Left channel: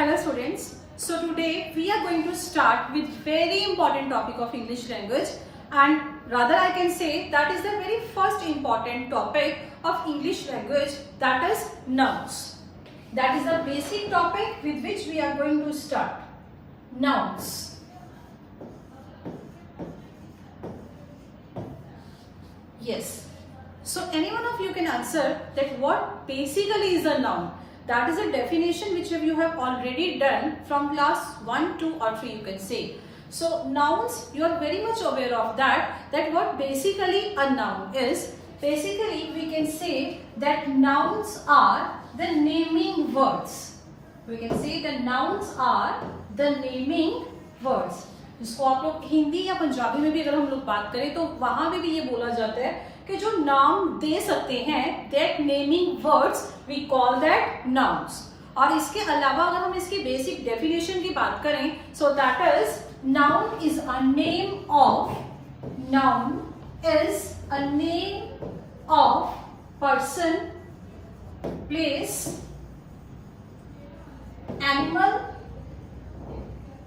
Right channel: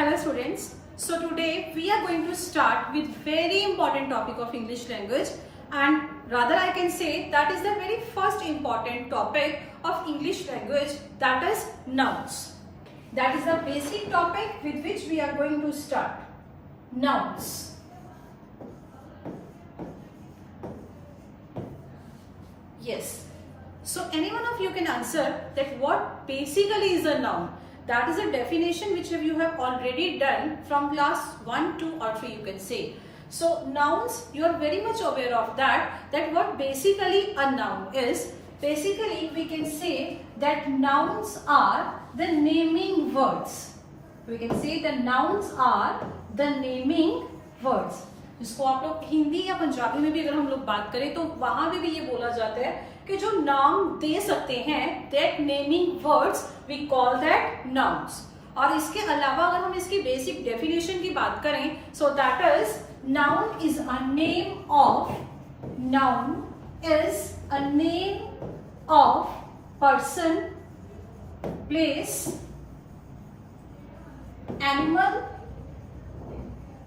Hello students. So today we are going to start with very important topic of English language, and rather I can say that is the very first important topic of English language, that is nouns. That is the basic topic with which we are going to start. Nouns. Yes. So any one of you can answer that what basically is a noun. That is a definition which you have already done from class 1, 2 or 3 you can say. So nouns, you are very much aware of that what basically a noun is. Basically we can say that nouns are the naming words. We can say the nouns are the naming words. जिसको आप लोग हिंदी या पंजाबी में भी अगर हम लोग बात करें तो वहां भी ये बोला जाता है कि जो नाम दे सकते हैं, that naming words we call that nouns. और इसके अलावा अगर हम इसकी बेसिक डेफिनेशन की बात करें, so that is noun is a name of person, place, animal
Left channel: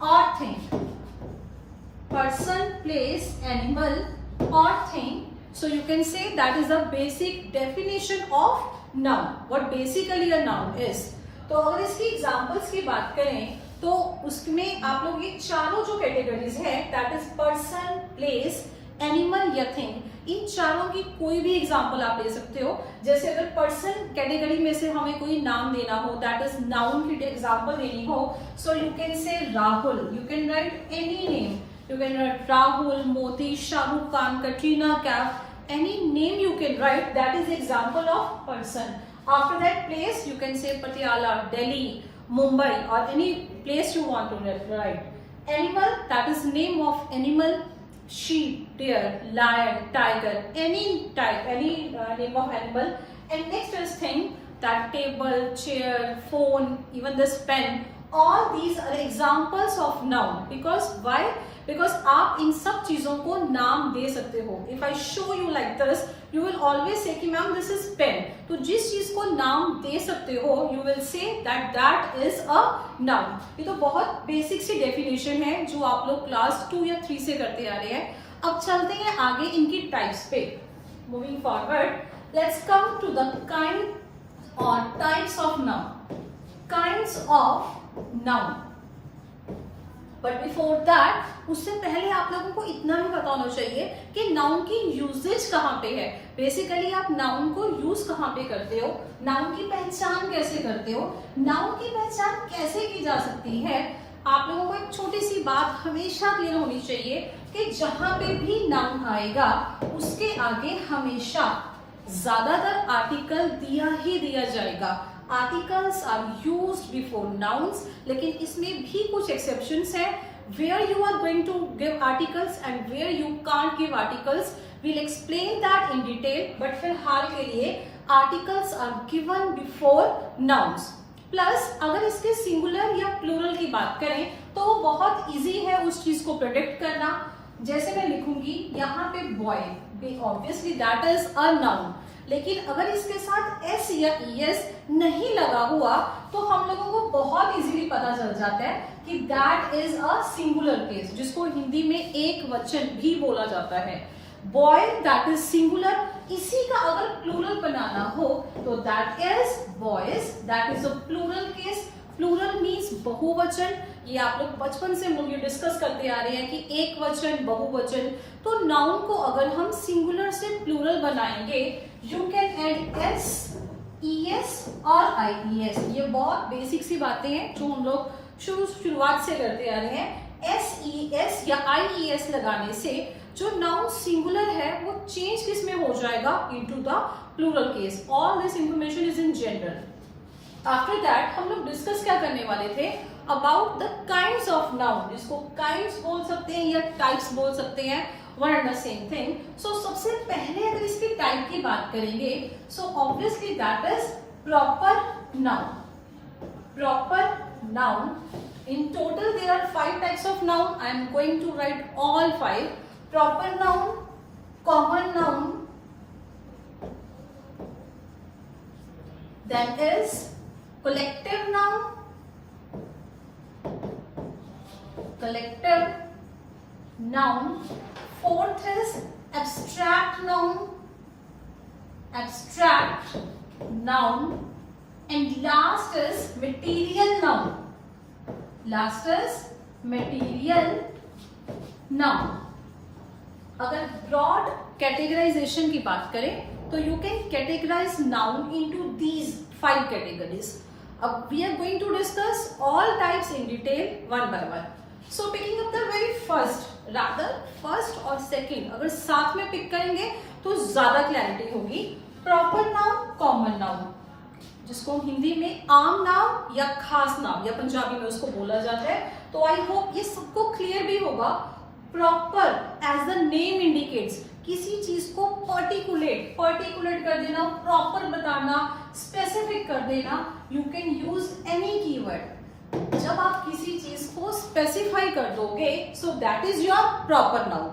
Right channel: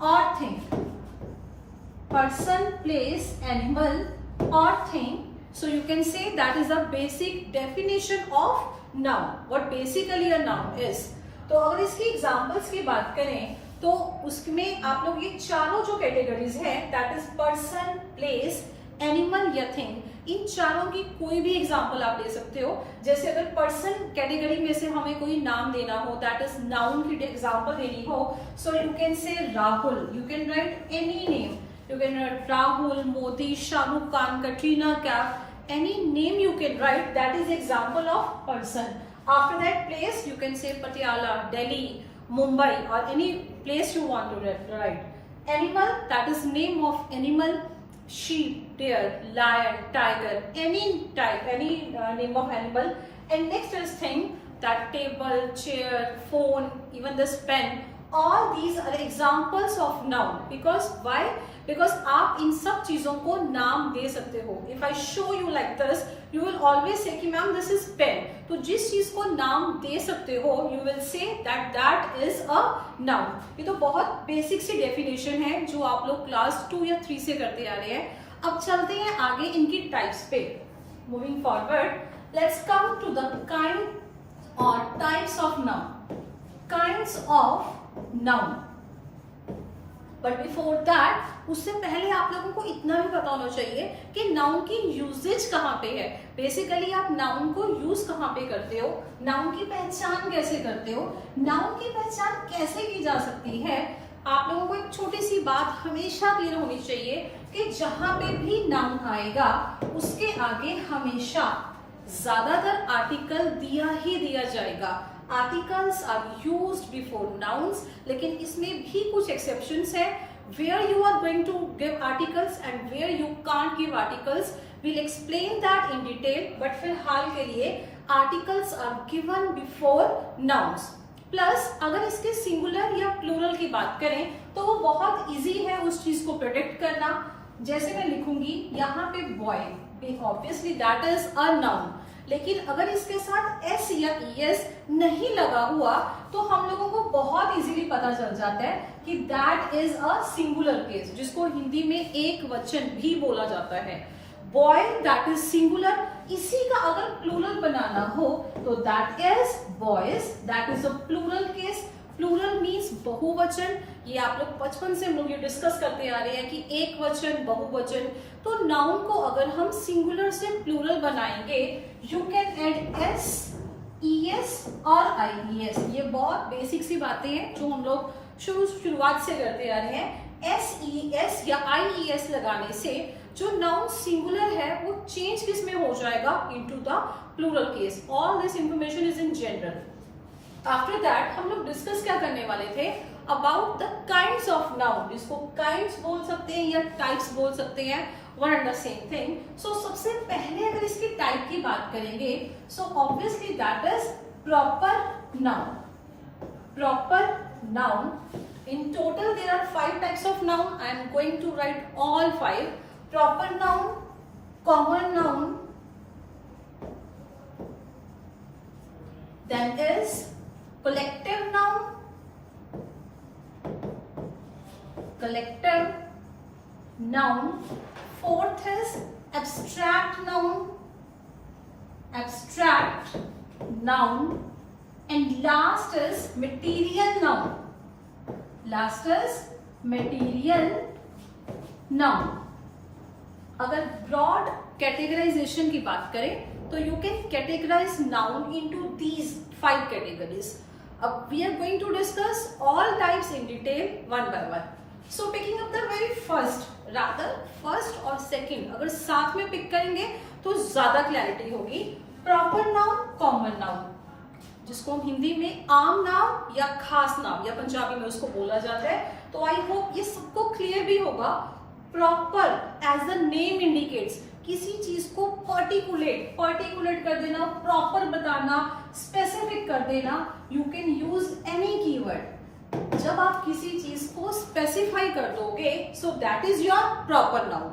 or thing. Person, place, animal or thing. So you can say that is a basic definition of noun. What basically a noun is. तो अगर इसकी examples की बात करें तो उसमें आप लोग ये चारों जो कैटेगरीज हैं, that is person, place, animal या thing, इन चारों की कोई भी एग्जांपल आप ले सकते हो. जैसे अगर पर्सन कैटेगरी में से हमें कोई नाम देना हो, दैट इज नाउन की एग्जांपल देनी हो, सो you can say Rahul. You can right any name. You can write Rahul, Modi, Shah Rukh Khan, Katrina Kaif. Any name you can write. That is example of person. After that, place you can say Patiala, Delhi, Mumbai, or any place you want to write. Animal, that is name of animal. Sheep, deer, lion, tiger, any type, any name of animal. And next is thing, that table, chair, phone, even this pen. All these are examples of noun. Because why? Because आप इन सब चीजों को नाम दे सकते हो. If I show you like this, you will always say कि ma'am this is pen. तो जिस चीज को नाम दे सकते हो, you will say that is a noun. ये तो बहुत बेसिक सी डेफिनेशन है जो आप लोग क्लास 2 या 3 से करते आ रहे हैं. अब चलते हैं आगे इनकी टाइप्स पे. Moving forward, let's come to the kind or types of noun. Kinds of noun. But before that, उससे पहले आप लोगों को इतना भी पता होना चाहिए कि नाउन की यूजेज कहाँ पे है. बेसिकली आप नाउन को यूज कहाँ पे करते हो, नाउन की पहचान कैसे करते हो, नाउन की पहचान कैसे की जा सकती है. आप लोगों को एक छोटी सी बात हमेशा क्लियर होनी चाहिए कि जहां पे भी नाउन आएगा उसके आगे हमेशा ज्यादातर आर्टिकल दिया ही दिया जाएगा. Articles are used before nouns, लेकिन इसमें भी कुछ exceptions हैं. Where you are going to give articles and where you can't give articles, we'll explain that in detail. But फिलहाल के लिए articles are given before nouns. Plus अगर इसके singular या plural की बात करें तो बहुत easy है उस चीज को predict करना. जैसे मैं लिखूंगी यहाँ पे boy, obviously that is a noun. लेकिन अगर इसके साथ s या es नहीं लगा हुआ तो हम लोगों को बहुत इजीली पता चल जाता है कि that is a singular case, जिसको हिंदी में एक वचन भी बोला जाता है. Boy that is singular. इसी का अगर प्लूरल बनाना हो तो that is boys, that is a plural case. Plural means बहुवचन. ये आप लोग बचपन से हम लोग ये डिस्कस करते आ रहे हैं कि एक वचन, बहुवचन. तो नाउन को अगर हम सिंगुलर से प्लूरल बनाएंगे, you can add S, ES और आईईएस. ये बहुत बेसिक सी बातें हैं जो हम लोग शुरुआत से करते आ रहे हैं. एस ई एस या आईईएस लगाने से जो नाउन सिंगुलर है वो चेंज किस में हो जाएगा, into the plural case. All this information is in general. After that हम लोग डिस्कस क्या करने वाले थे, about the kinds of noun, जिसको काइंड्स बोल सकते हैं या टाइप्स बोल सकते हैं, one and the same thing. So सबसे पहले अगर इसकी टाइप की बात करेंगे, so obviously that is proper noun. Proper noun, in total there are 5 types of noun. I am going to write all 5. Proper noun, common noun, then is collective noun, collective noun. Fourth is abstract noun. Abstract noun. And last is material noun. Last is material noun. अगर broad categorisation की बात करें तो you can categorise noun into these 5 categories. अब we are going to discuss all types in detail one by one. So picking up the very first और second अगर साथ में पिक करेंगे तो ज्यादा क्लैरिटी होगी. प्रॉपर नाउन, कॉमन नाउन, जिसको हम हिंदी में आम नाम या खास नाम या पंजाबी में उसको बोला जाता है. तो आई होप ये सबको क्लियर भी होगा. Proper as the name indicates, किसी चीज को पर्टिकुलेट कर देना, प्रॉपर बताना, स्पेसिफिक कर देना. You can use any keyword. जब आप किसी चीज को स्पेसिफाई कर दोगे सो that is your proper noun.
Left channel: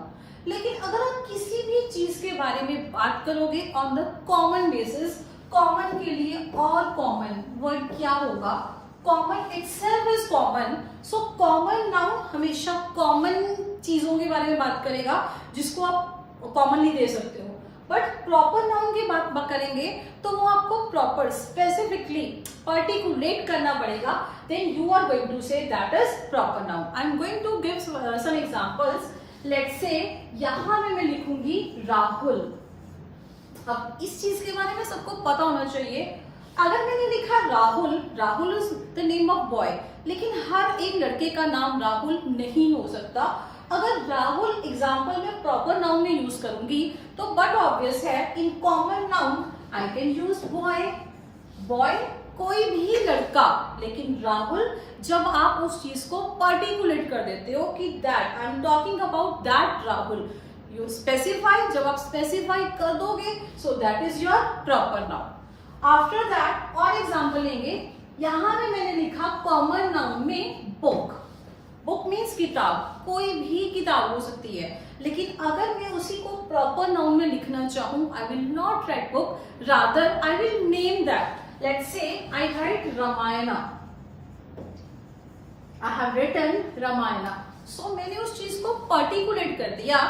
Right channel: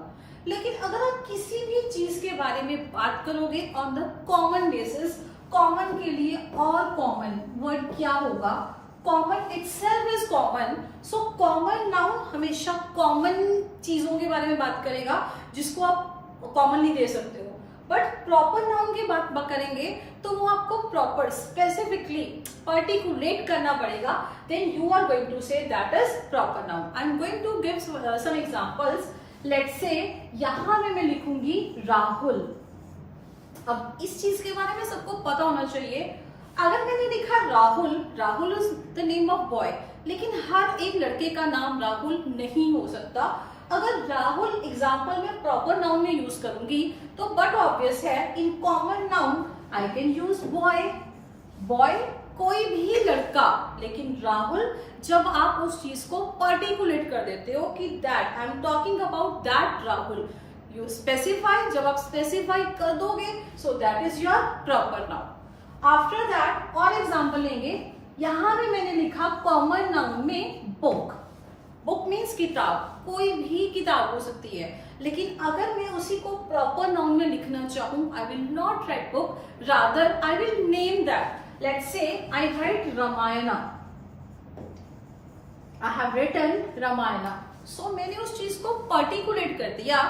लेकिन अगर आप किसी भी चीज के बारे में बात करोगे on the common basis, common के लिए और कॉमन वर्ड क्या होगा? Common itself is common. So common noun हमेशा कॉमन चीजों के बारे में बात करेगा जिसको आप कॉमनली दे सकते हो. बट प्रॉपर नाउन की बात करेंगे तो वो आपको प्रॉपर स्पेसिफिकली पर्टिकुलेट करना पड़ेगा. Then you are going to say that is proper noun. I am going to give some examples. Let's say यहां में मैं लिखूंगी राहुल. अब इस चीज के बारे में सबको पता होना चाहिए. अगर मैंने लिखा Rahul is the name of boy, लेकिन हर एक लड़के का नाम राहुल नहीं हो सकता. अगर राहुल एग्जाम्पल में प्रॉपर नाउन में यूज करूंगी तो बट ऑब्वियस है in common noun I can use boy कोई भी लड़का. लेकिन राहुल जब आप उस चीज को पर्टिकुलेट कर देते हो कि that I am talking about that Rahul, you specify. जब आप स्पेसिफाई कर दोगे सो that is your proper noun. After that और एग्जाम्पल लेंगे. यहां पे मैंने लिखा कॉमन नाउन में बुक. बुक मीन्स किताब, कोई भी किताब हो सकती है. लेकिन अगर मैं उसी को प्रॉपर नाउन में लिखना चाहूं, I will not write book, rather I will name that. Let's say I write Ramayana. I have written Ramayana. So मैंने उस चीज को पर्टिकुलेट कर दिया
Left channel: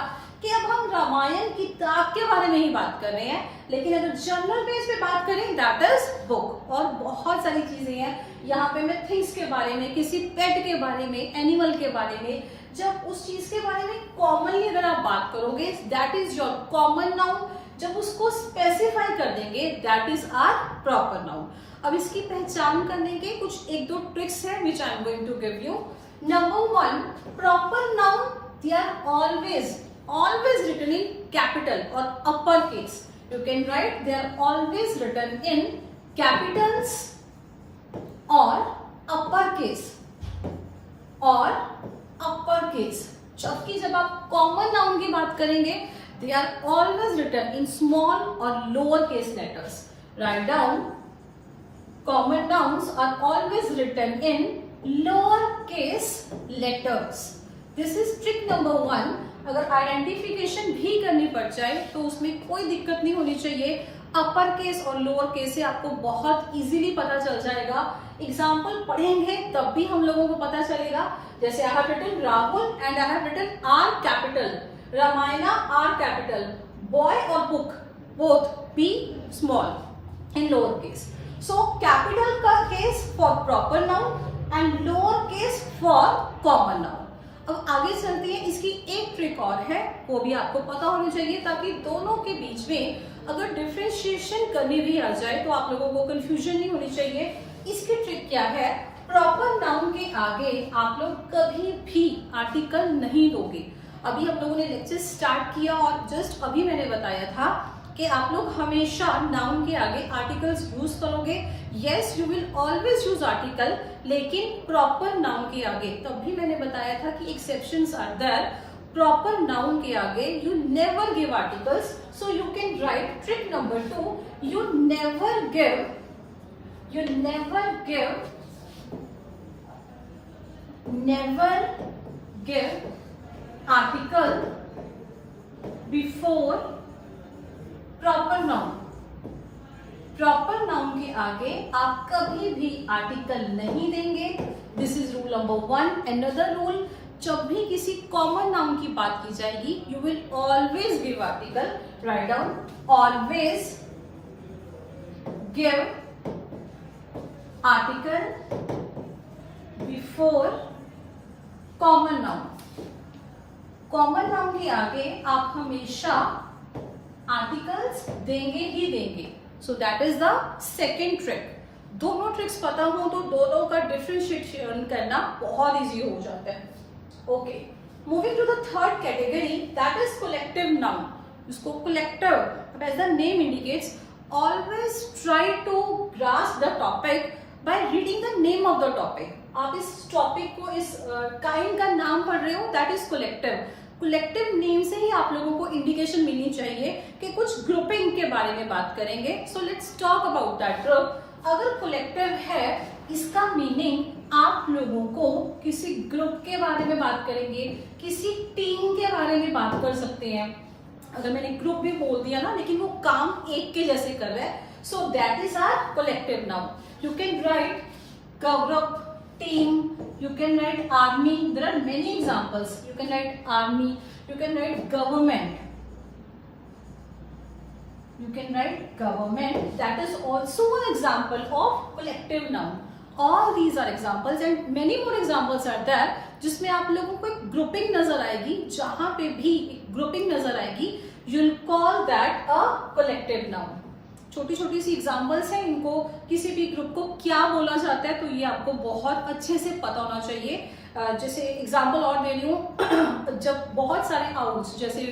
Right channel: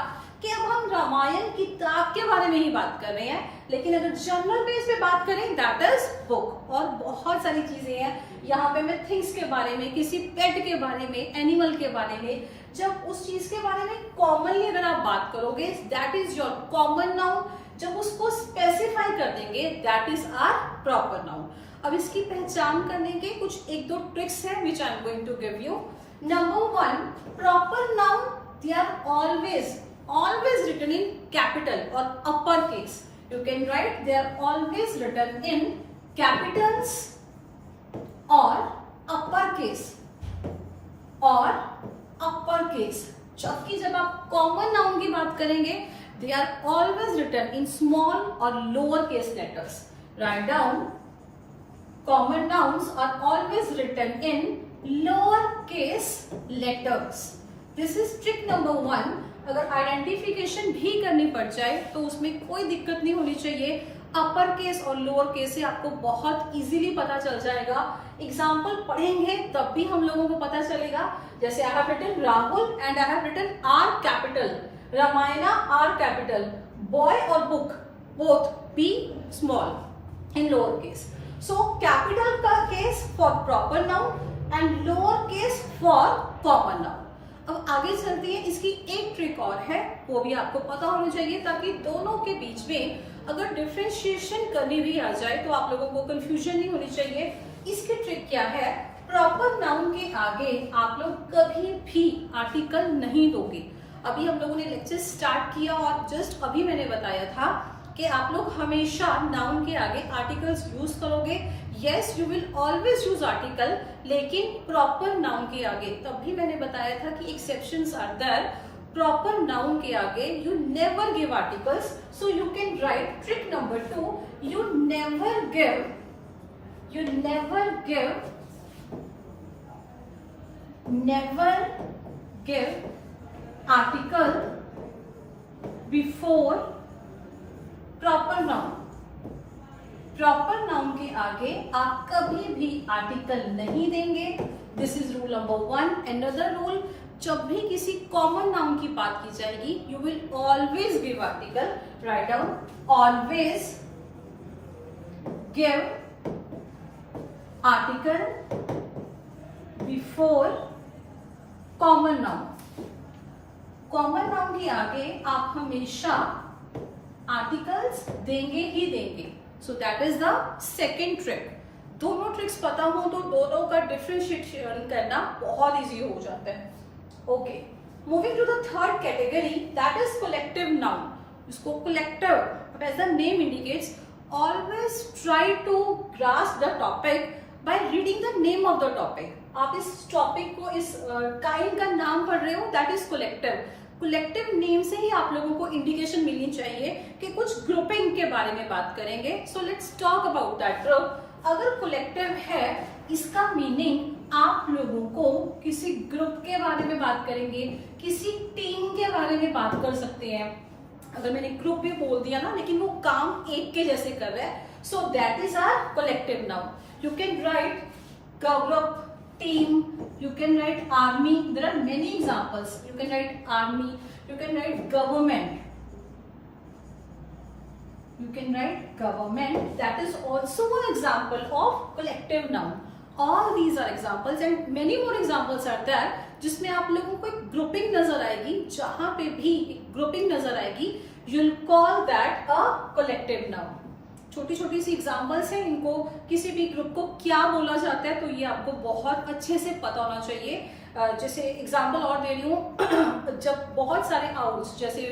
कि अब हम रामायण किताब के बारे में ही बात कर रहे हैं. लेकिन अगर जनरल बेस पे बात करें दैट इज बुक. और बहुत सारी चीजें हैं. यहाँ पे मैं थिंग्स के बारे में, किसी पेट के बारे में, एनिमल के बारे में, जब उस चीज के बारे में कॉमनली अगर आप बात करोगे that is your common noun. जब उसको स्पेसिफाई कर देंगे that is our proper noun. अब इसकी पहचान करने के कुछ 1-2 ट्रिक्स हैं which I am going to give you. Number 1, proper noun they are always written in capital or uppercase. You can write they are always written in capitals or uppercase. जबकि जब आप कॉमन नाउन की बात करेंगे they are always written in small or lower case letters. Write down common nouns are always written in lower case letters. This is trick number 1. अगर identification भी करनी पड़ जाए तो उसमें कोई दिक्कत नहीं होनी चाहिए. अपर केस और लोअर केस से आपको बहुत इजीली पता चल जाएगा. एग्जाम्पल पढ़ेंगे तब भी हम लोगों को पता चलेगा. जैसे I have written Rahul and I have written R capital, Ramayana R capital, boy और book both be small in lower case. So capital का case for proper noun and lower case for common noun. अब आगे चलते हैं. इसकी एक trick और है, वो भी आपको पता होनी चाहिए ताकि दोनों के बीच में अगर डिफरेंशिएशन करनी भी आ जाए तो आप लोगों को कंफ्यूजन नहीं होनी चाहिए. इसकी ट्रिक क्या है? प्रॉपर नाउन के आगे आप लोग कभी भी आर्टिकल नहीं दोगे. अभी हम लोगों ने लेक्चर स्टार्ट किया और जस्ट अभी मैंने बताया था कि आप लोग हमेशा नाउन के आगे आर्टिकल्स यूज करोगे. Yes, you will always use article, लेकिन प्रॉपर नाउन के आगे. तब भी मैंने बताया था कि exceptions are there. Proper noun के आगे you never give articles. So you can write trick number 2, you never give article before proper noun. Proper noun के आगे आप कभी भी आर्टिकल नहीं देंगे। This is rule number 1। Another rule, जब भी किसी कॉमन नाउन की बात की जाएगी you will always give article. Write down, always give article before common noun. Common noun के आगे आप हमेशा आर्टिकल्स देंगे ही देंगे। सो that is the second trick. दोनों ट्रिक्स पता हो तो दोनों का डिफरेंशिएशन करना बहुत इजी हो जाता है। Okay, moving to the third category, that is collective noun. इसको collective, as the name indicates, always try to grasp the topic by reading the name of the topic. आप इस टॉपिक को, इस काइंड का नाम पढ़ रहे हो, that is collective. Collective name से ही आप लोगों को इंडिकेशन मिलनी चाहिए कि कुछ ग्रुपिंग के बारे में बात करेंगे। So let's talk about that group. अगर कलेक्टिव है, इसका मीनिंग आप लोगों को किसी ग्रुप के बारे में बात करेंगे, किसी टीम के बारे में बात कर सकते हैं। अगर मैंने ग्रुप भी बोल दिया ना, लेकिन वो काम एक के जैसे कर रहा है, so that is our collective noun. You can write group, team, you can write army. There are many examples. You can write army, you can write government, you can write government. That is also one example of collective noun. All these are examples and many more examples are there जिसमें आप लोगों को एक grouping नजर आएगी। जहां पे भी एक ग्रुपिंग नजर आएगी, you'll call that a collective noun. छोटी छोटी सी एग्जाम्पल्स हैं, इनको किसी भी ग्रुप को क्या बोला जाता है तो ये आपको बहुत अच्छे से पता होना चाहिए। जैसे एग्जाम्पल और दे रही हूँ, जब बहुत सारे आउल्स, जैसे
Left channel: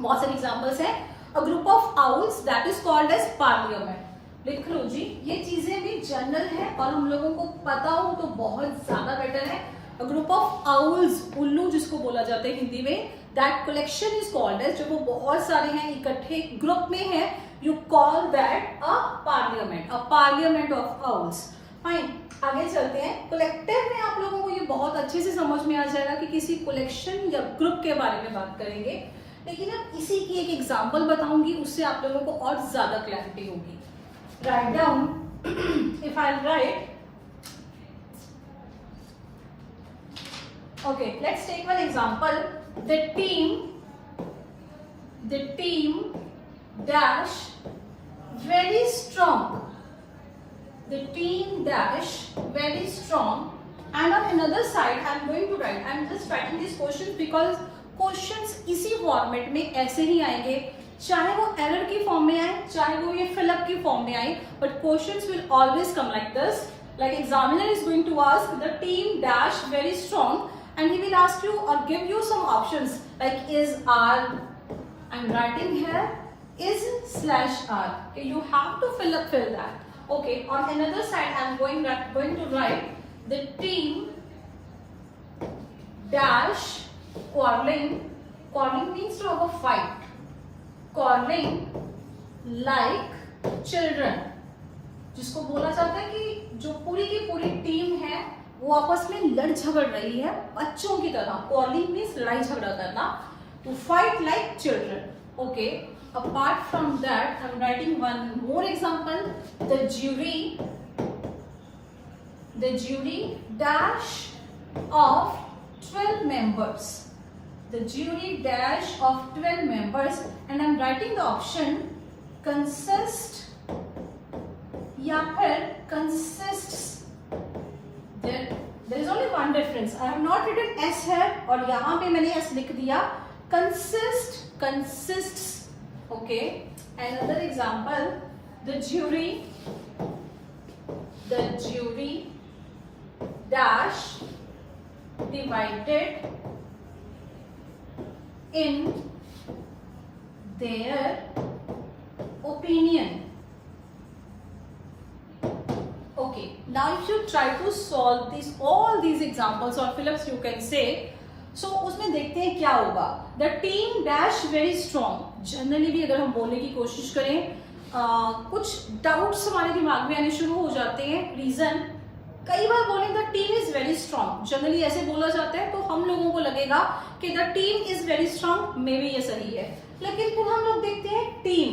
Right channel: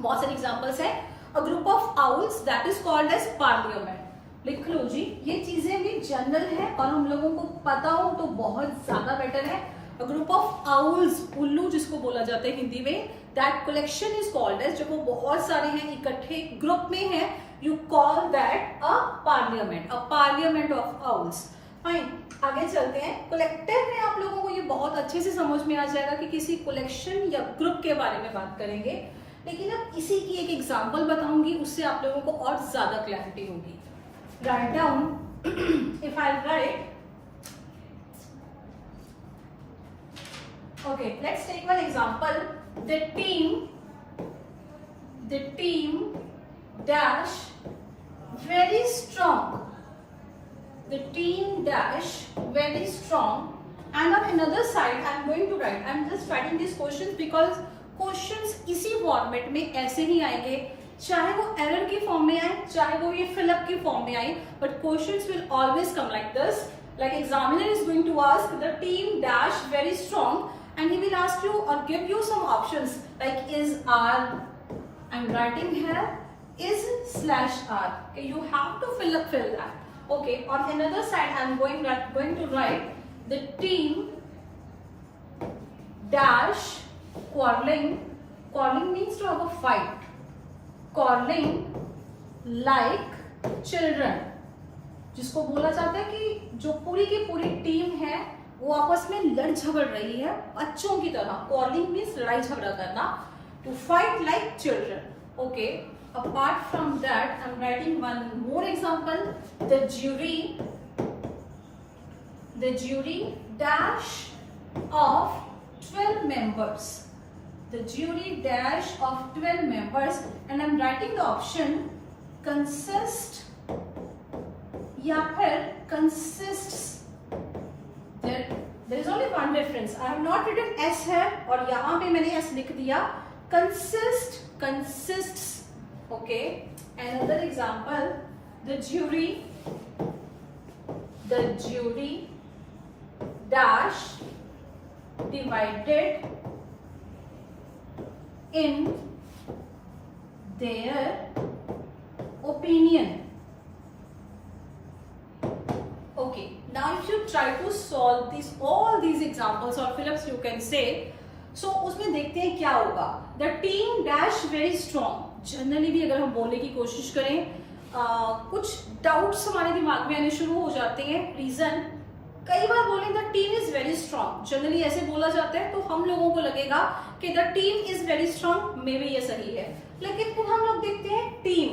बहुत सारे एग्जाम्पल्स हैं, a group of owls that is called as parliament. लिख लो जी, ये चीजें भी जनरल है और हम लोगों को पता हो तो बहुत ज्यादा बेटर है। अ ग्रुप ऑफ आउल्स, उल्लू जिसको बोला जाता है हिंदी में, that collection is called as, जब वो बहुत सारे हैं, इकट्ठे ग्रुप में है, you call that a parliament of owls. Fine, आगे चलते हैं। कलेक्टिव में आप लोगों को ये बहुत अच्छे से समझ में आ जाएगा कि किसी कलेक्शन या ग्रुप के बारे में बात करेंगे, लेकिन अब इसी की एक एग्जांपल बताऊंगी, उससे आप लोगों को और ज्यादा क्लैरिटी होगी। Write down, if I write, okay, let's take one example. the team dash very strong. The team dash very strong. And on another side, I'm going to write. I'm just writing these questions because questions इसी format में ऐसे ही आएंगे, चाहे वो error की form में आए, चाहे वो ये फिलअप की फॉर्म में आए, but questions will always come like this. Like examiner is going to ask the team dash very strong, and he will ask you or give you some options like is, are. I'm writing here is /are. Okay, you have to fill that. Okay, on another side, I'm going to write the team dash quarreling. Quarreling means to have a fight. Quarreling like children. जिसको बोला जाता है कि जो पूरी की पूरी team है वो आपस में लड़ झगड़ रही है बच्चों की तरह। Quarreling means लड़ाई झगड़ा करना. To fight like children. Okay. Apart from that, I'm writing one more example. The jury dash of 12 members. The jury dash of 12 members, and I'm writing the option consist या फिर consists. There is only one difference. I have not written S here और यहाँ पे मैंने S लिख दिया. Consists. Okay. Another example. The jury dash divided in their opinion. Okay, now if you try to solve all these examples or fill-ups you can say, so उसमें देखते हैं क्या होगा. The team dash very strong. Generally भी अगर हम बोलने की कोशिश करें, कुछ डाउट्स हमारे दिमाग में आने शुरू हो जाते हैं. रीजन, कई बार बोलें the team is very strong, generally ऐसे बोला जाता है तो हम लोगों को लगेगा कि the team is very strong, may be ये सही है. लेकिन फिर हम लोग देखते हैं टीम,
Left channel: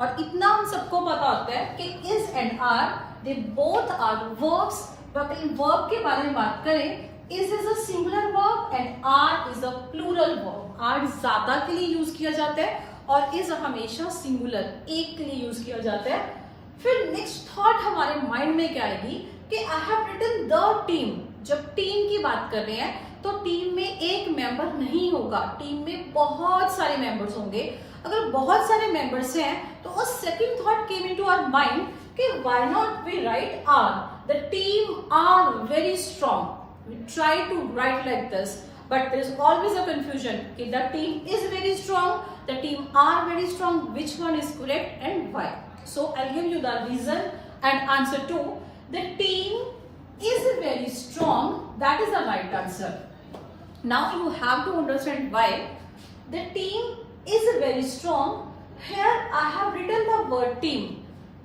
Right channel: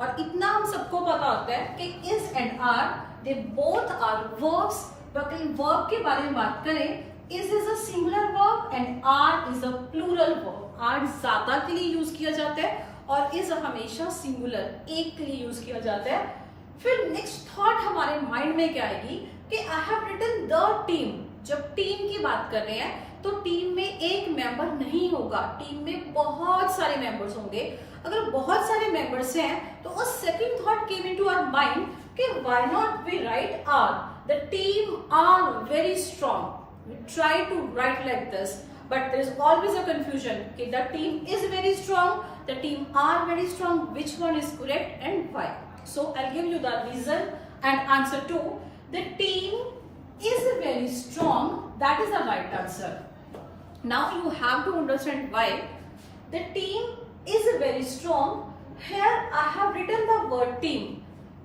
और इतना हम सबको पता होता है कि is and are they both are verbs. Verb के बारे में बात करें, is a singular verb and are is a plural verb. Are ज्यादा के लिए यूज किया जाता है और इज हमेशा सिंगुलर, एक के लिए यूज किया जाता है। फिर नेक्स्ट थॉट हमारे माइंड में क्या आएगी कि I have written the team. जब टीम की बात कर रहे हैं तो टीम में एक मेंबर नहीं होगा, टीम में बहुत सारे मेंबर्स होंगे। अगर बहुत सारे मेंबर्स हैं तो second thought came into our mind कि why not we write are, the team are very strong. We try to write like this, but there is always a confusion. Okay, the team is very strong, the team are very strong. Which one is correct and why? So I'll give you the reason and answer to. The team is very strong. That is the right answer. Now you have to understand why. The team is very strong. Here I have written the word team.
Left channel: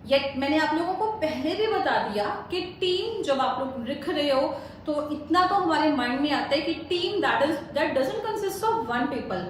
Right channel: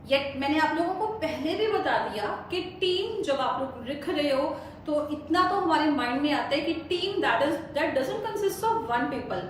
Yet मैंने आप लोगों को पहले भी बता दिया कि team जब आप लोग लिख रहे हो तो इतना तो हमारे माइंड में आता है कि team that doesn't consist of one people.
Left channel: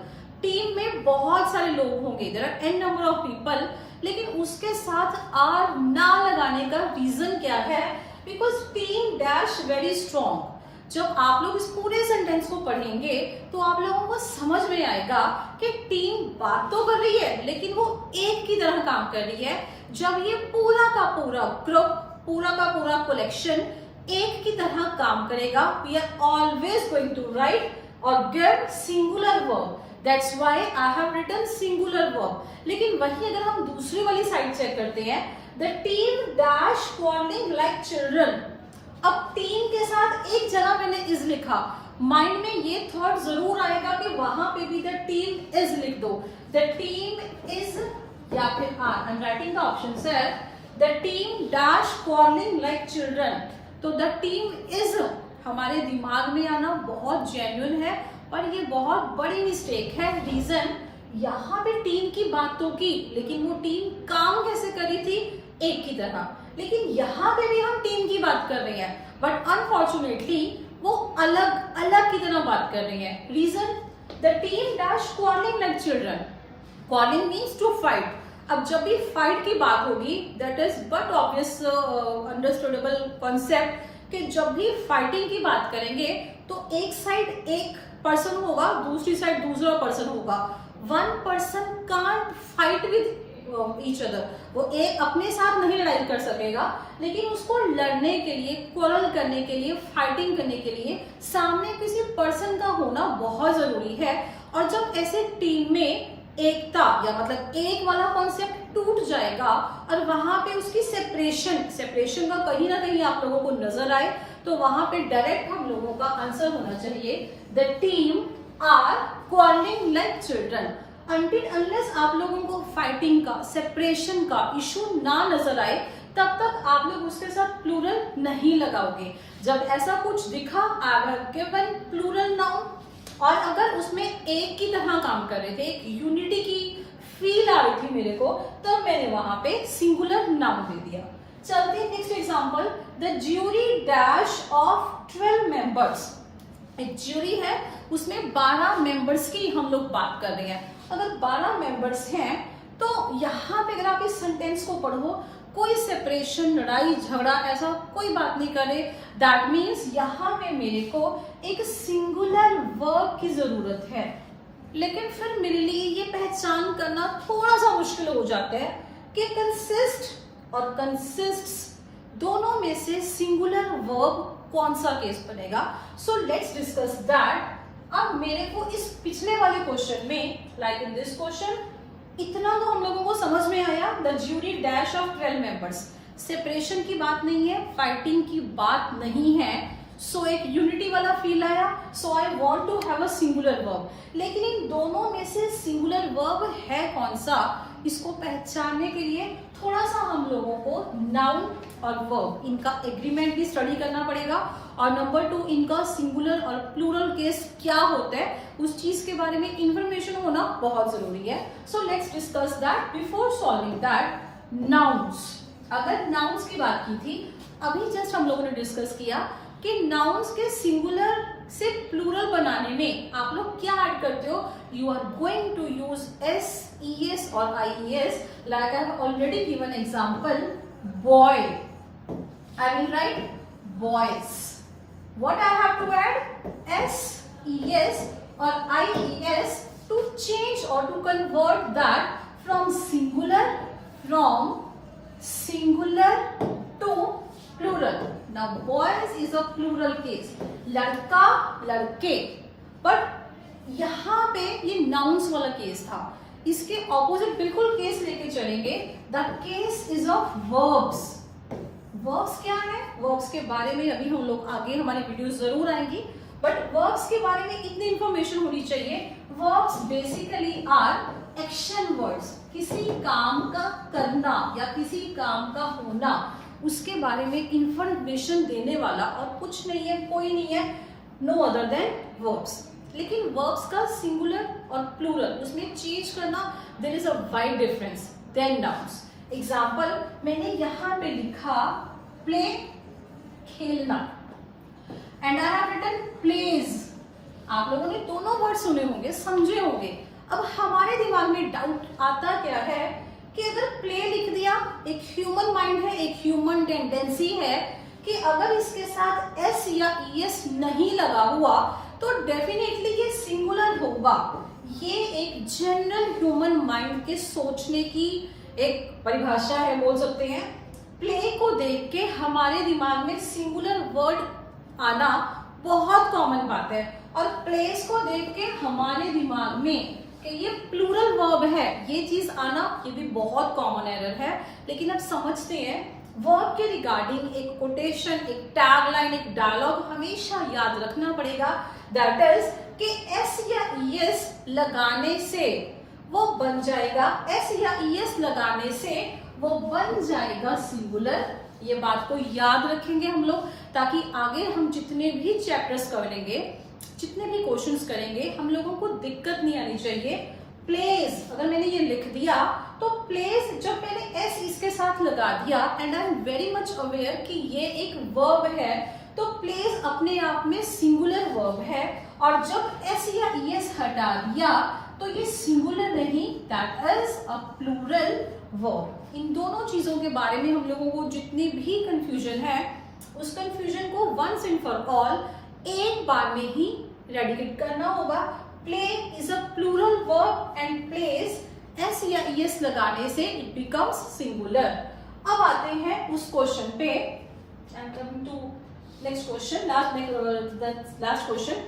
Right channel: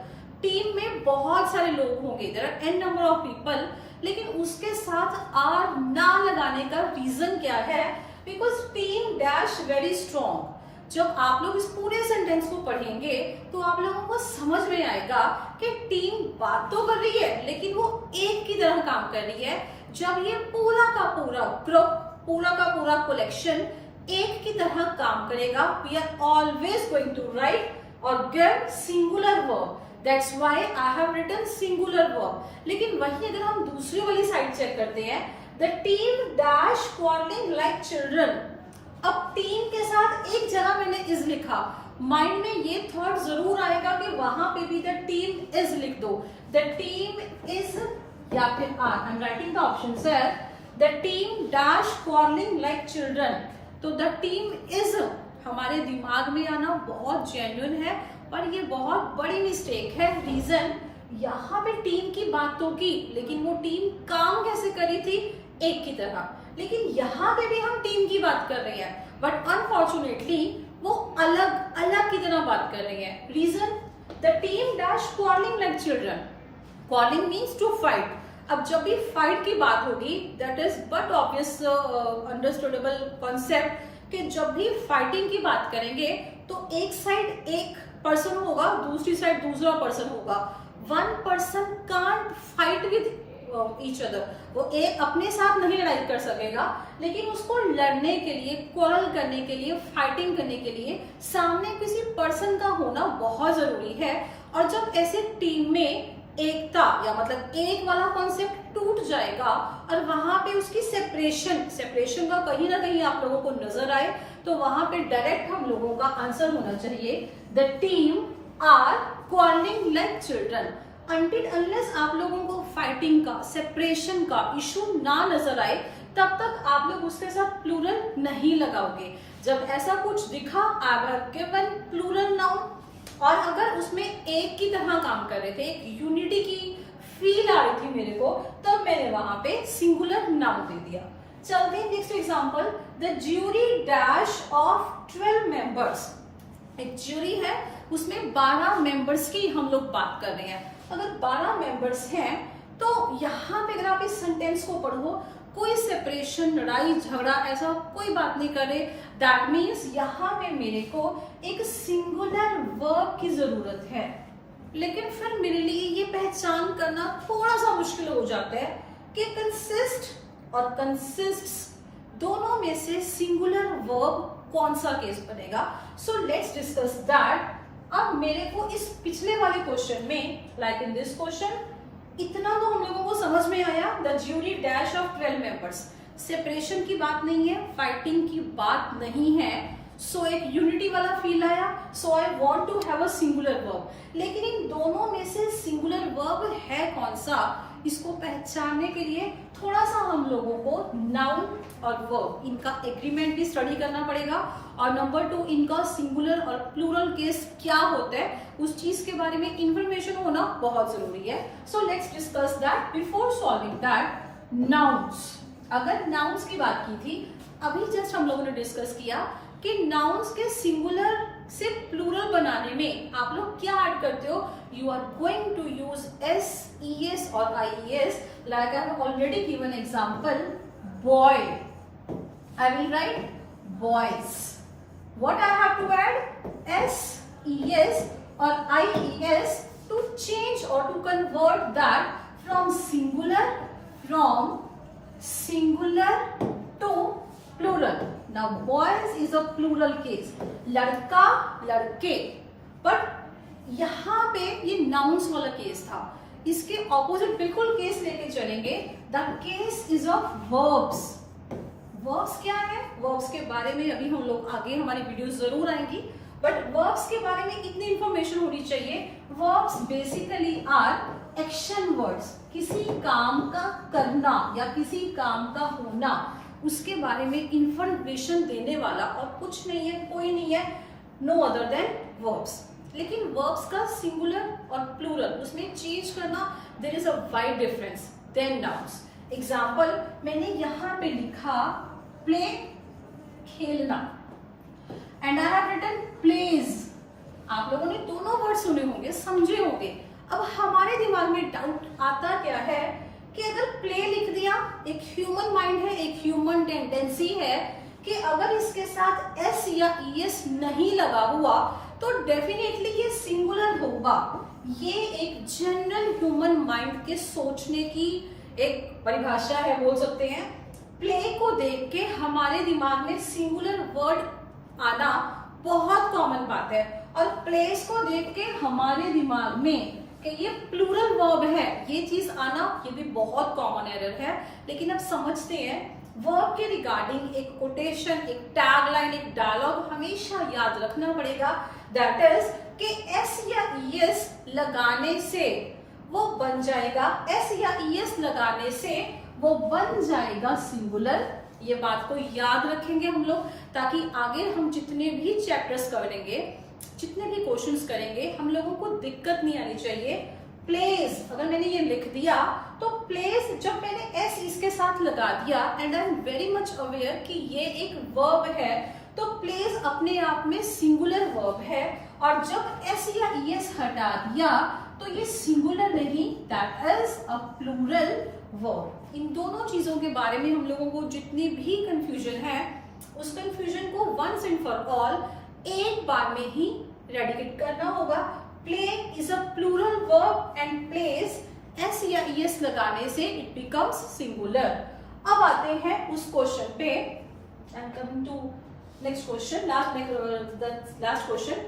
Team में बहुत सारे लोग होंगे, there are an number of people, लेकिन उसके साथ आर ना लगाने का रीजन क्या है? Because team dash very strong. जब आप लोग इस पूरे सेंटेंस को पढ़ेंगे तो आप लोगों को समझ में आएगा कि टीम बात तो कर रही है लेकिन वो एक की तरह काम कर रही है। जब ये पूरा का पूरा ग्रुप, पूरा का पूरा कलेक्शन एक की तरह काम करेगा, we are always going to write और give singular verb. That's why I have written singular verb. लेकिन वही अगर हम दूसरी वाली साइड चेक करते हैं, the team dash quarrelling like children. अब टीम के साथ एक जगह मैंने इज लिखा, माइंड में ये थॉट जरूर आएगा कि वहां पे भी द टीम इज लिख दो। द टीम इज या फिर are, I am writing the option sir, the team dash quarrelling like children. तो द टीम इज हमारे दिमाग में आना बहुत जेन्युइन है और ये बहुत बड़ी मिस्टेक है। रीजन, यहाँ पे टीम की बात तो की लेकिन वो टीम काम कैसे करी थी? एक की तरह। लेकिन यहाँ पे भी हम टीम की बात कर रहे हैं बट अनफॉर्चुनेटली वो अलग अलग की तरह बात कर रही है। Reason, the team dash quarrelling like children. Quarrelling means to fight. अब जब भी फाइट की बात होगी, that is but obvious understandable concept कि जब भी फाइटिंग की बात करेंगे तो एक साइड एक पर्सन होगा, दूसरी साइड दूसरा पर्सन होगा। One person can't fight with each other. वो एक अपने साथ नहीं लड़ाई कर सकेगा, लेकिन उसको लड़ने के लिए, क्वारल करने के लिए, फाइटिंग करने के लिए सामने किसी पर्सन का होना बहुत जरूरी है। और जब ऐसे टीम में एकता या मतलब एक वाला कॉन्सेप्ट टूट जाएगा और वहां पे उसकी सेपरेशन का कहीं ना कहीं आप लोगों को नजर आए तो वहां पे डायरेक्ट हम लोगों का आंसर होना चाहिए the team are quarrelling like children. Until unless आप लोगों को फाइटिंग का, सेपरेशन का इशू ना नजर आए तब तक आप लोग उसके साथ प्लूरल नहीं लगाओगे। जब ऐसा कुछ दिखा, I have given plural noun और अगर उसमें एक की तरह काम कर रहे थे, एक यूनिटी की फील आ रही थी मेरे को, तब मैंने वहां पे सिंगुलर नाउन दे दिया। चलते next example, the jury dash of 12 members. एक ज्यूरी है, उसमें 12 मेंबर्स की हम लोग बात कर रहे हैं। अगर 12 मेंबर्स हैं तो यहाँ पे अगर आप इस सेंटेंस को पढ़ो, कोई सेपरेशन, लड़ाई झगड़ा ऐसा कोई बात नहीं करे। दैट मीन्स यहाँ पे मेरे को एक सिंगुलर वर्ब की जरूरत है। लेकिन फिर मेरे लिए ये पहचान करना थोड़ा सा मुश्किल हो जाता है कि कंसिस्ट और कंसिस्ट्स दोनों में से सिंगुलर वर्ब कौन सा केस बनेगा। So let's discuss that. अब मेरे को इस पिछले वाले क्वेश्चन में, लाइक इन दिस क्वेश्चन, इतना तो हम लोगों को समझ में आया, the jury dash of 12 members. Separation की बात नहीं है, फाइटिंग की बात नहीं है, सो एक यूनिटी वाला फील आया। So I want to have a singular verb. लेकिन इन दोनों में से सिंगुलर वर्ब है कौन सा, इसको पहचानने के लिए थोड़ा सा हम लोगों को नाउन और वर्ब इनका एग्रीमेंट भी स्टडी करना पड़ेगा। और नंबर 2, इनका सिंगुलर और प्लूरल केस क्या होता है उस चीज के बारे में इंफॉर्मेशन होना बहुत जरूरी है। So let's discuss that. Before solving that, nouns. अगर नाउन्स की बात की थी, अभी जस्ट हम लोगों ने डिस्कस किया कि नाउन्स के सिंगुलर सिर्फ प्लूरल बनाने में आप लोग क्या ऐड करते हो? You are going to use S, ES और IES. Like I have already given example, boy. I will write boys. What I have to add? S, ES or IES to change or to convert that from singular to plural. Now boys is a plural case. लड़का, लड़के. But यहाँ पे ये nouns वाला case था. इसके opposite बिल्कुल case लेके चलेंगे. The case is of verbs. Verbs क्या है? वर्ब्स के बारे में अभी हम लोग आगे हमारी वीडियोस जरूर आएंगी, बट वर्ब्स के बारे में इतनी इंफॉर्मेशन होनी चाहिए. Verbs basically are action words. किसी काम का करना या किसी काम का होना, उसके बारे में इंफॉर्मेशन देने वाला और कुछ नहीं है, कोई नहीं है, नो अदर देन वर्ब्स. लेकिन वर्ब्स का सिंगुलर और प्लूरल, उसमें चेंज करना, there is a wide difference than nouns. Example मैंने यहां पे लिखा प्ले, खेलना, and I have written plays. आप लोगों ने दोनों वर्ड सुने होंगे, समझे होंगे. अब हमारे दिमाग में डाउट आता क्या है कि अगर प्ले लिख दिया, एक ह्यूमन माइंड है, एक ह्यूमन टेंडेंसी है कि अगर इसके साथ एस या ES नहीं लगा हुआ तो डेफिनेटली ये सिंगुलर होगा. ये एक जनरल ह्यूमन माइंड के सोचने की एक परिभाषा है, बोल सकते हैं. प्ले को देख के हमारे दिमाग में सिंगुलर वर्ड आना बहुत कॉमन बात है, और प्लेस को देख के हमारे दिमाग में कि ये प्लूरल वर्ब है, ये चीज आना, ये भी बहुत कॉमन एरर है. लेकिन अब समझते हैं वर्ब के रिगार्डिंग एक कोटेशन, एक टैगलाइन, एक डायलॉग हमेशा याद रखना पड़ेगा. दैट इज कि एस या ES लगाने से वो बन जाएगा, एस या ES लगाने से वो बन जाएगा सिंगुलर. ये बात को याद रखेंगे हम लोग, ताकि आगे हम जितने भी चैप्टर्स करेंगे, जितने भी क्वेश्चंस करेंगे, हम लोगों को दिक्कत नहीं आनी चाहिए. प्लेस, अगर मैंने ये लिख दिया तो प्लेस, जब मैंने एस इसके साथ लगा दिया, and I am very much aware कि ये एक वर्ब है, तो प्लेस अपने आप में सिंगुलर वर्ब है. और जब एस या ES हटा दिया तो ये सिंगुलर नहीं, that is a plural verb. इन दोनों चीजों के बारे में हम लोगों को जितनी भी कंफ्यूजन है, उस कंफ्यूजन को वंस एंड फॉर ऑल एक बार में ही रेडिकेट करना होगा. Play is a plural verb and plays S या ES लगाने से इट बिकम्स सिंगुलर. अब आते हैं उस क्वेश्चन पे. I am coming to next question, last question.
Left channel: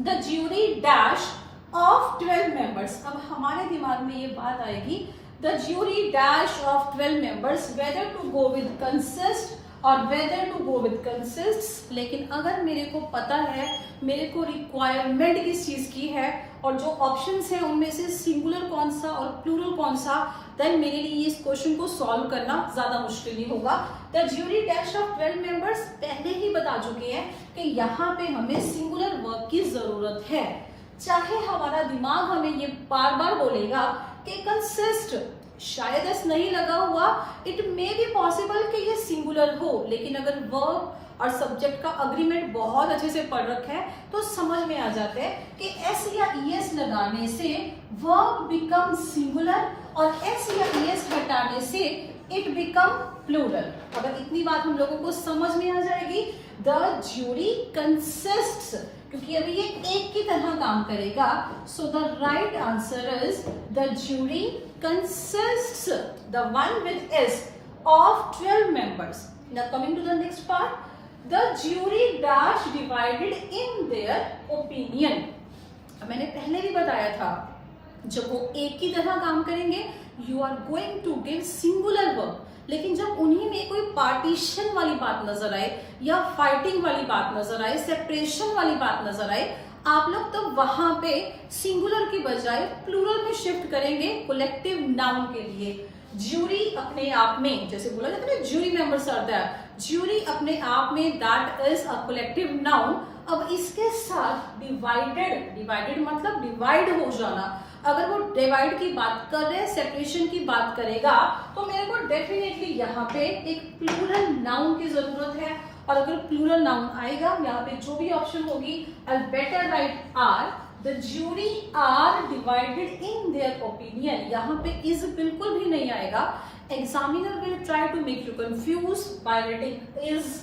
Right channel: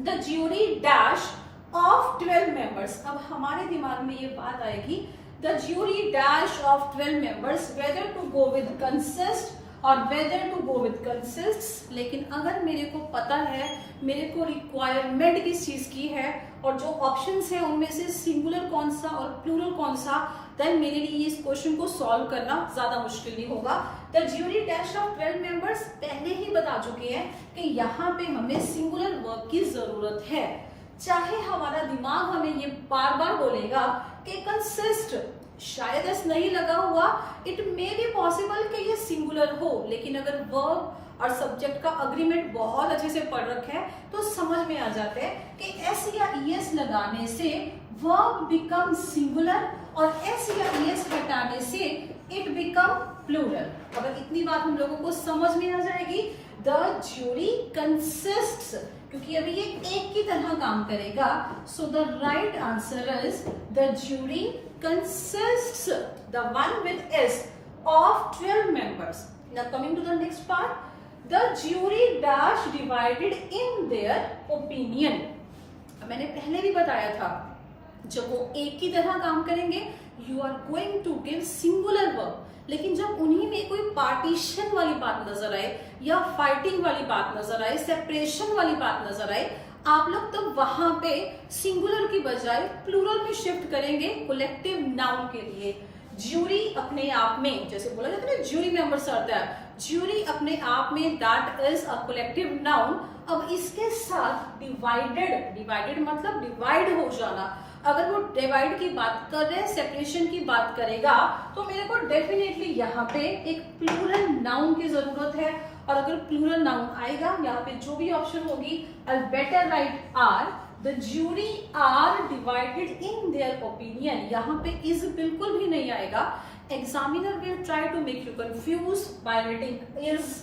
The jury dash of 12 members. अब हमारे दिमाग में ये बात आएगी, the jury dash of 12 members, whether to go with consist और whether to go with consist. लेकिन अगर मेरे को पता है मेरे को रिक्वायरमेंट किस चीज की है और जो ऑप्शंस है उनमें से सिंगुलर कौन सा और प्लूरल कौन सा, देन मेरे लिए इस क्वेश्चन को सॉल्व करना ज्यादा मुश्किल नहीं होगा. The jury dash of 12 members पहले ही बता चुके हैं कि यहाँ पे हमें सिंगुलर वर्ब की जरूरत है. चाहे हमारा दिमाग हमें ये बार बार बोलेगा कि कंसिस्ट, शायद एस नहीं लगा हुआ, इट मे बी पॉसिबल कि ये सिंगुलर हो, लेकिन अगर वर्ब और सब्जेक्ट का अग्रीमेंट बहुत अच्छे से पढ़ रखा है तो समझ में आ जाता है कि एस या ES लगाने से वर्ब बिकम सिंगुलर और एस या ES हटाने से इट बिकम प्लूरल. अगर इतनी बात हम लोगों को समझ में आ जाएगी, द ज्यूरी कंसिस्ट्स, क्योंकि अभी ये एक की तरह काम करेगा. So the right answer is the jury consists, the one with S, of 12 members. Now coming to the next part, the jury dash divided in their opinion. मैंने पहले भी बताया था, जब वो एक की तरह काम करेंगे you are going to give singular verb. लेकिन जब उन्हीं में कोई पार्टीशन वाली बात नजर आए या फाइटिंग वाली बात नजर आए, सेपरेशन वाली बात नजर आए, आप लोग तब वहां पे सिंगुलर की बजाय प्लूरल में शिफ्ट करेंगे कलेक्टिव नाउन के लिए. ज्यूरी अपने आप में, जैसे बोला जाता है ना, jury members are there, jury अपने आप में that is a collective noun. अब इसके साथ डिवाइडेड, डिवाइडेड मतलब डिवाइड हो जाना. अगर वो डिवाइड की बात कर रहे हैं, सेपरेशन की बात करेगा, तो मेरे को डेफिनेटली यहाँ पे एक प्लूरल नाउन की जरूरत है. और अगर प्लूरल नाउन आएगा यहाँ पे जो भी ऑप्शन होगी, I better write are, the jury are divided in their opinion, यहाँ पे इज बिल्कुल भी नहीं आएगा. Examiner will try to make you confuse by writing is,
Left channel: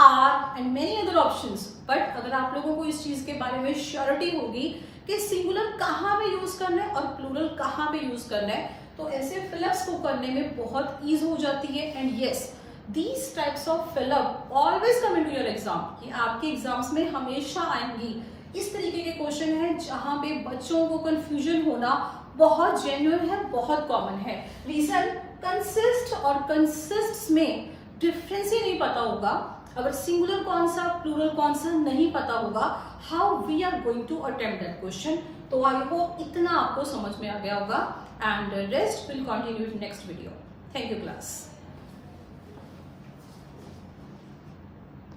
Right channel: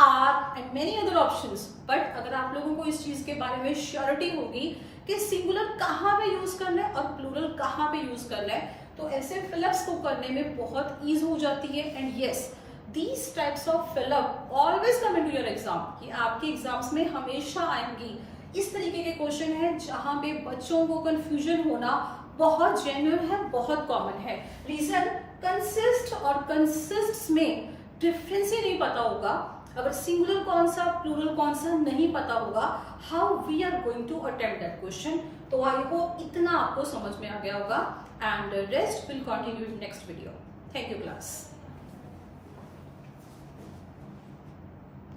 are and many other options. But अगर आप लोगों को इस चीज के बारे में श्योरिटी होगी कि सिंगुलर कहाँ पे यूज करना है और प्लूरल कहाँ पे यूज करना है, तो ऐसे फिलअप्स को करने में बहुत ईज हो जाती है. And yes, these types of fill up always come into your exam, कि आपके एग्जाम्स में हमेशा आएंगी. इस तरीके के क्वेश्चन है जहां पे बच्चों को कंफ्यूजन होना बहुत जेन्युइन है, बहुत कॉमन है. रीजन, कंसिस्ट और कंसिस्ट्स में डिफरेंस ही नहीं पता होगा. अगर सिंगुलर कौन सा, प्लूरल कौन सा नहीं पता होगा, how we are going to attempt that question. तो आई होप इतना आपको समझ में आ गया होगा, and rest will continue in next video. Thank you class.